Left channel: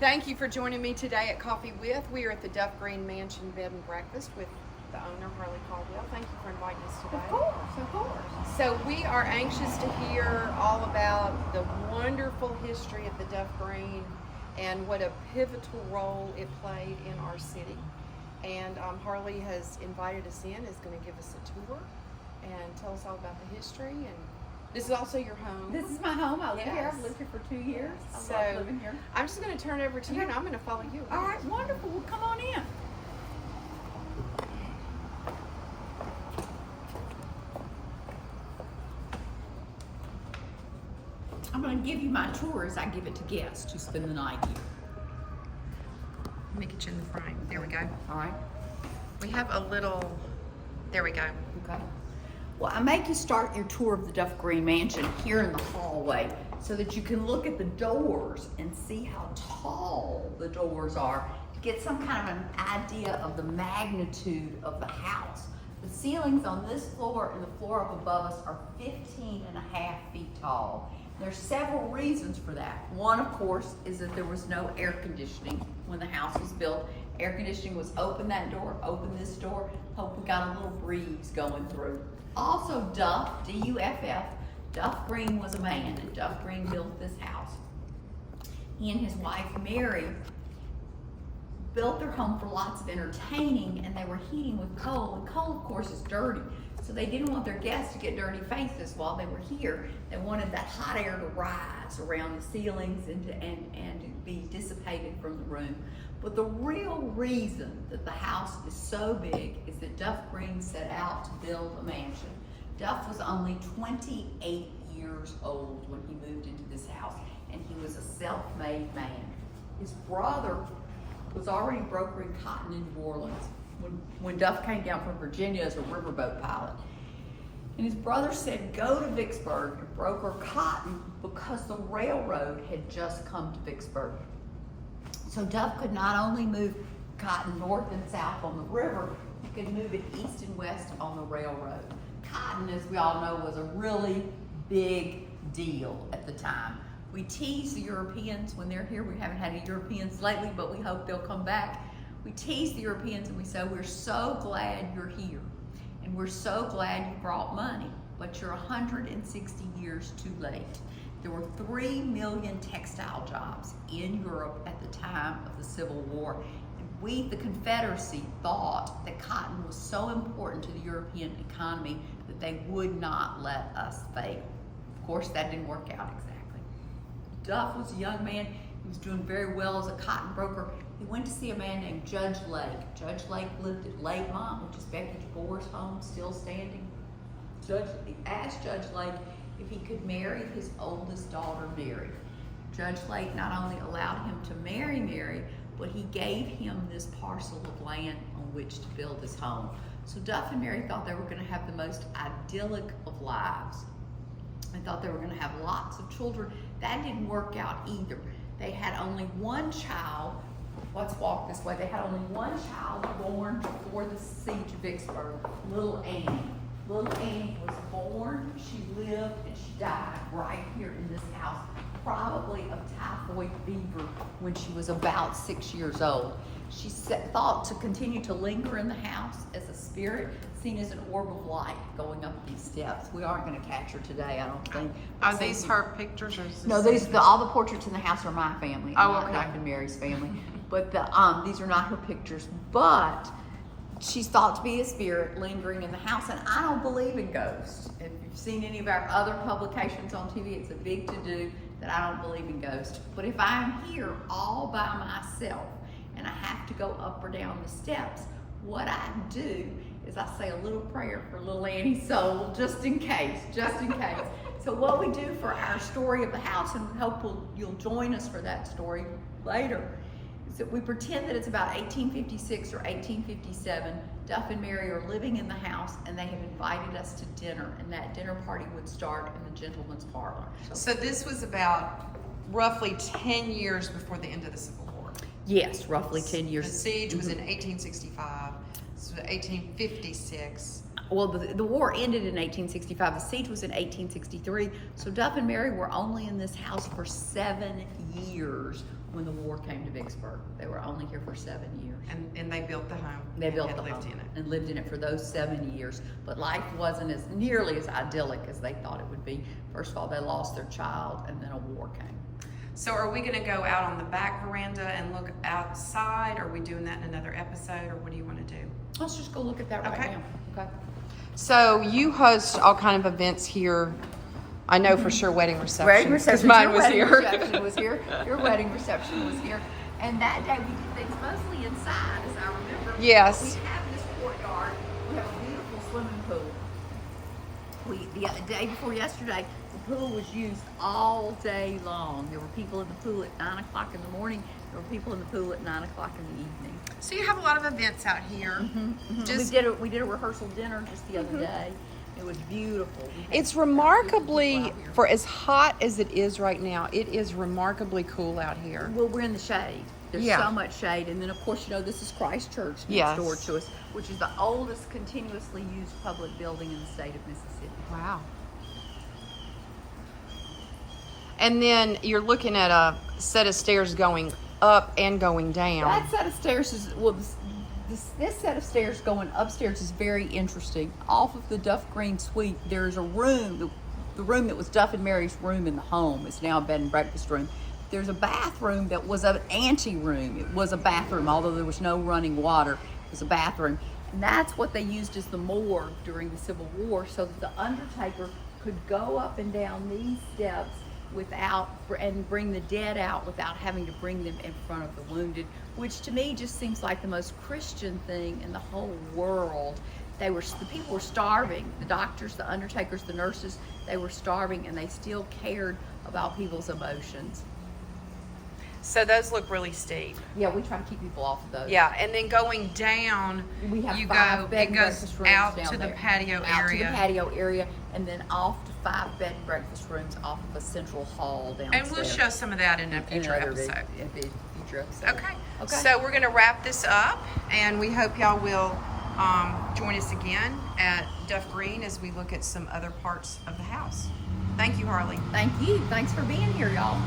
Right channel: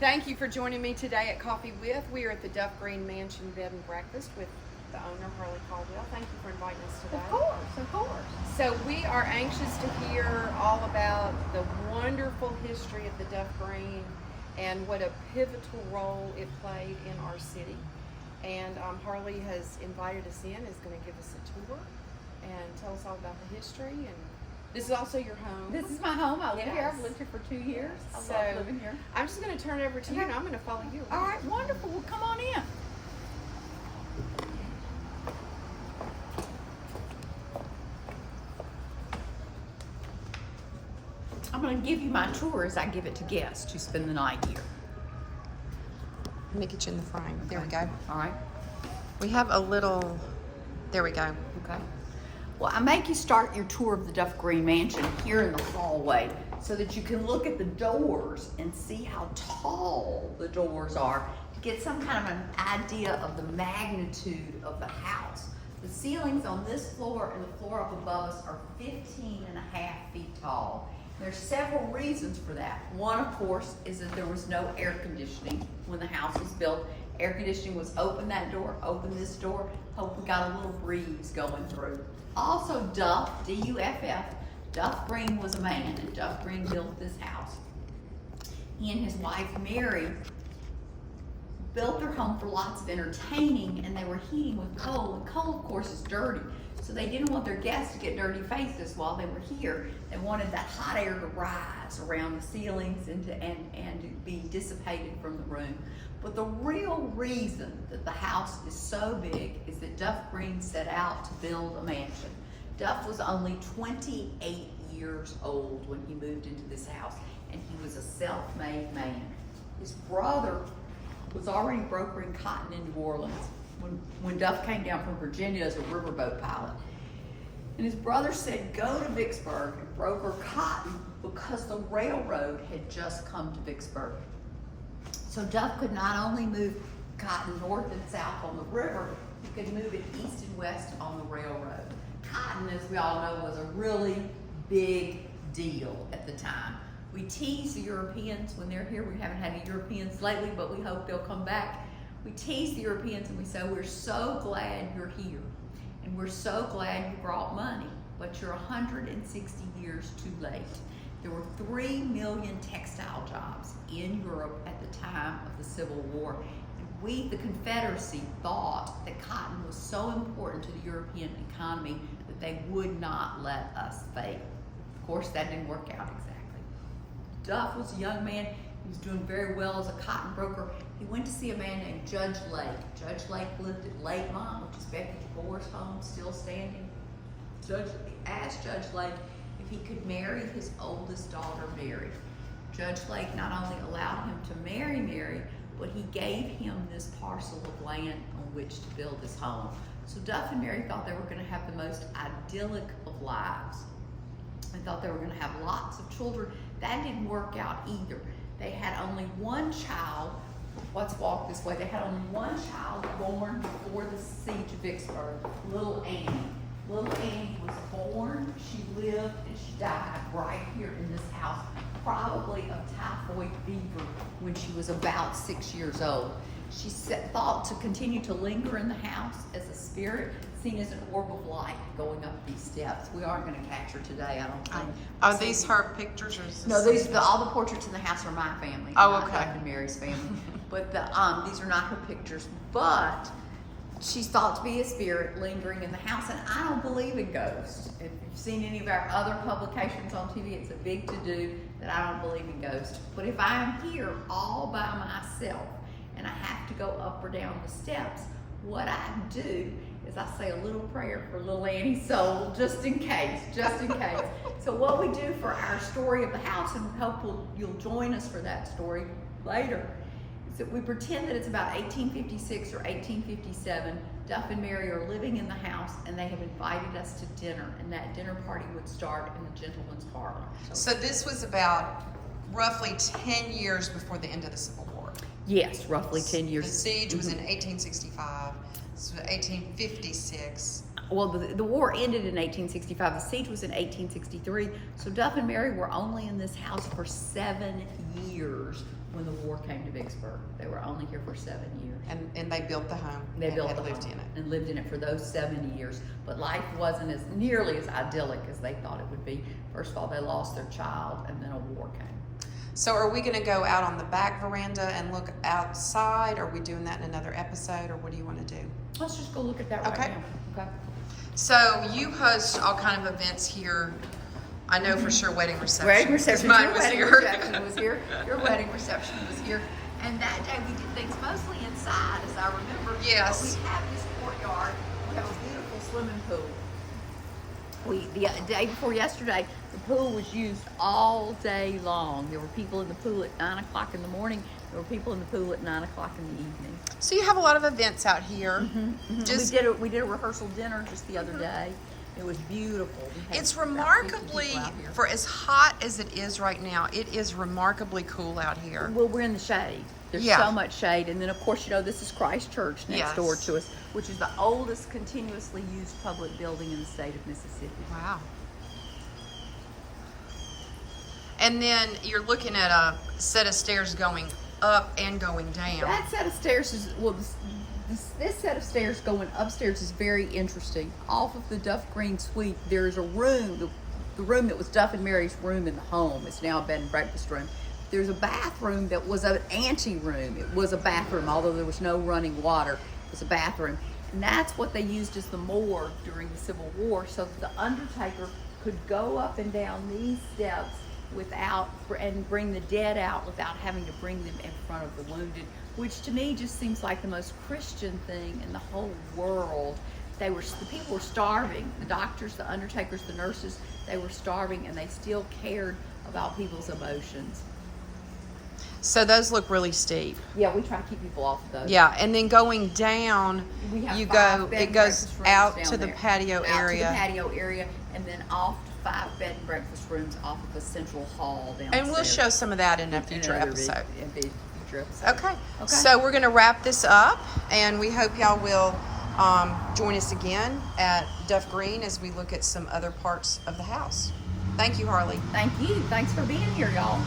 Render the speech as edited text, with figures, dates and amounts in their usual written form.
Thank you for joining me today at Coffee With. We are at the Duff Green Mansion Bed and Breakfast with the owner, Harley Caldwell. Thank you for inviting us today. Of course. So we are anxious to hear all about the wonderful history of the Duff Green and what a pivotal role it played in our city. And Harley has invited us in, is going to give us a tour and tell us all about the history. And this is also your home. This is my home. I live here. Yes. I've lived here for 2 years. I So, love living here. I'm just going to turn it over to you, and I'm going to follow you All around. right, wonderful. Well, come on in. I'm going to give you my tour as I give it to guests who spend the night here. Let me get you in the frame. There we go. All right. We have a little, there we go. Okay. Well, I make you start your tour of the Duff Green Mansion here in the hallway so that you can look at the doors and see how tall the doors are to get some kind of an idea of the magnitude of the house. The ceilings on this floor and the floor up above us are 15.5 feet tall. There's several reasons for that. One, of course, is that there was no air conditioning when the house was built. Air conditioning was open that door, open this door, hope we got a little breeze going through. Also, Duff, D-U-F-F, Duff Green was a man, and Duff Green built this house. He and his wife, Mary, built their home for lots of entertaining, and they were heating with coal, and coal, of course, is dirty. So they didn't want their guests to get dirty faces while they were here. They wanted that hot air to rise around the ceilings and to be dissipated from the room. But the real reason that the house is so big is that Duff Green set out to build a mansion. Duff was only 28 years old when he moved into this house, and he was a self-made man. His brother was already brokering cotton in New Orleans when Duff came down from Virginia as a riverboat pilot. And his brother said, go to Vicksburg and broker cotton because the railroad had just come to Vicksburg. So Duff could not only move cotton north and south on the river, he could move it east and west on the railroad. Cotton, as we all know, was a really big deal at the time. We tease the Europeans when they're here. We haven't had any Europeans lately, but we hope they'll come back. We tease the Europeans and we say, we're so glad you're here, and we're so glad you brought money, but you're 160 years too late. There were 3 million textile jobs in Europe at the time of the Civil War. And we, the Confederacy, thought that cotton was so important to the European economy that they would not let us fail. Of course, that didn't work out exactly. Duff was a young man. He was doing very well as a cotton broker. He went to see a man named Judge Lake. Judge Lake lived at Lakemont, which is Becky DeBoer's home, still standing. He asked Judge Lake if he could marry his oldest daughter, Mary. Judge Lake not only allowed him to marry Mary, but he gave him this parcel of land on which to build his home. So Duff and Mary thought they were going to have the most idyllic of lives. They thought they were going to have lots of children. That didn't work out either. They had only one child. Let's walk this way. They had only one child born before the siege of Vicksburg, little Annie. Little Annie was born, she lived, and she died right here in this house, probably of typhoid fever when she was about 6 years old. She thought to continue to linger in the house as a spirit, seen as an orb of light going up these steps. We aren't going to catch her today, I don't think. Are these her pictures, or is this No, all the portraits in the house are my family. Oh, not okay. Duff and Mary's family. But these are not her pictures. But she's thought to be a spirit lingering in the house, and I don't believe in ghosts. If you've seen any of our other publications on TV, it's a big to-do that I don't believe in ghosts. But if I am here all by myself and I have to go up or down the steps, what I do is I say a little prayer for little Annie's soul, just in case, So what we do for our story of the house, and we hope you'll join us for that story later, is that we pretend that it's about 1856 or 1857. Duff and Mary are living in the house, and they have invited us to dinner, and that dinner party would start in the gentleman's parlor. So this was about roughly 10 years before the end of the Civil War. Yes, roughly 10 years. The siege was in 1865, so 1856. Well, the war ended in 1865. The siege was in 1863. So Duff and Mary were only in this house for 7 years when the war came to Vicksburg. They were only here for 7 years. And they built the home. They and built had the lived home in it. and lived in it for those 7 years. But life wasn't as nearly as idyllic as they thought it would be. First of all, they lost their child, and then a war came. So are we gonna go out on the back veranda and look outside? Are we doing that in another episode, or what do you wanna do? Let's just go look at that right Okay. now. Okay. So you host all kind of events here. I know for sure wedding reception. Wedding reception. Mine Your was wedding here. reception was here. Your wedding reception was here. And that day we did things mostly inside, as I remember. Yes. We have this courtyard. We have a beautiful swimming pool. The day before yesterday, the pool was used all day long. There were people in the pool at 9 o'clock in the morning. There were people in the pool at 9 o'clock in the evening. So you have a lot of events out here. Just We did a rehearsal dinner just the other day. It was beautiful. it's remarkably, for as hot as it is right now, it is remarkably cool out here. Well, we're in the shade. There's Yeah. so much shade. And then, of course, this is Christ Church next Yes. door to us, which is the oldest continuously used public building in the state of Mississippi. Wow. And then you're looking at a set of stairs going up and going down. That set of stairs is, well, this set of stairs going upstairs is very interesting. Off of the Duff Green Suite, there's a room, the room that was Duff and Mary's room in the home. It's now a bed and breakfast room. There's a bathroom that was an ante-room. It was a bathroom, although there was no running water. It was a bathroom. And that's what they used as the morgue during the Civil War, so that the undertaker could go up and down these steps and bring the dead out without having to bring them in front of the wounded, which to me just seems like the most Christian thing in the whole world. The people were starving. The doctors, the undertakers, the nurses, they were starving, and they still cared about people's emotions. So those look really steep. Yeah, we try to keep people off of those. Yeah, and then going down, We have you 5 go, bed it and goes breakfast rooms out down to the there. patio Out to area. the patio area, and then off to 5 bed and breakfast rooms off of the central hall downstairs. And we'll show some of that in a future Another episode. future episode. Okay. Okay. So we're going to wrap this up, and we hope y'all will join us again at Duff Green as we look at some other parts of the house. Thank you, Harley. Thank you. Thanks for being here, y'all.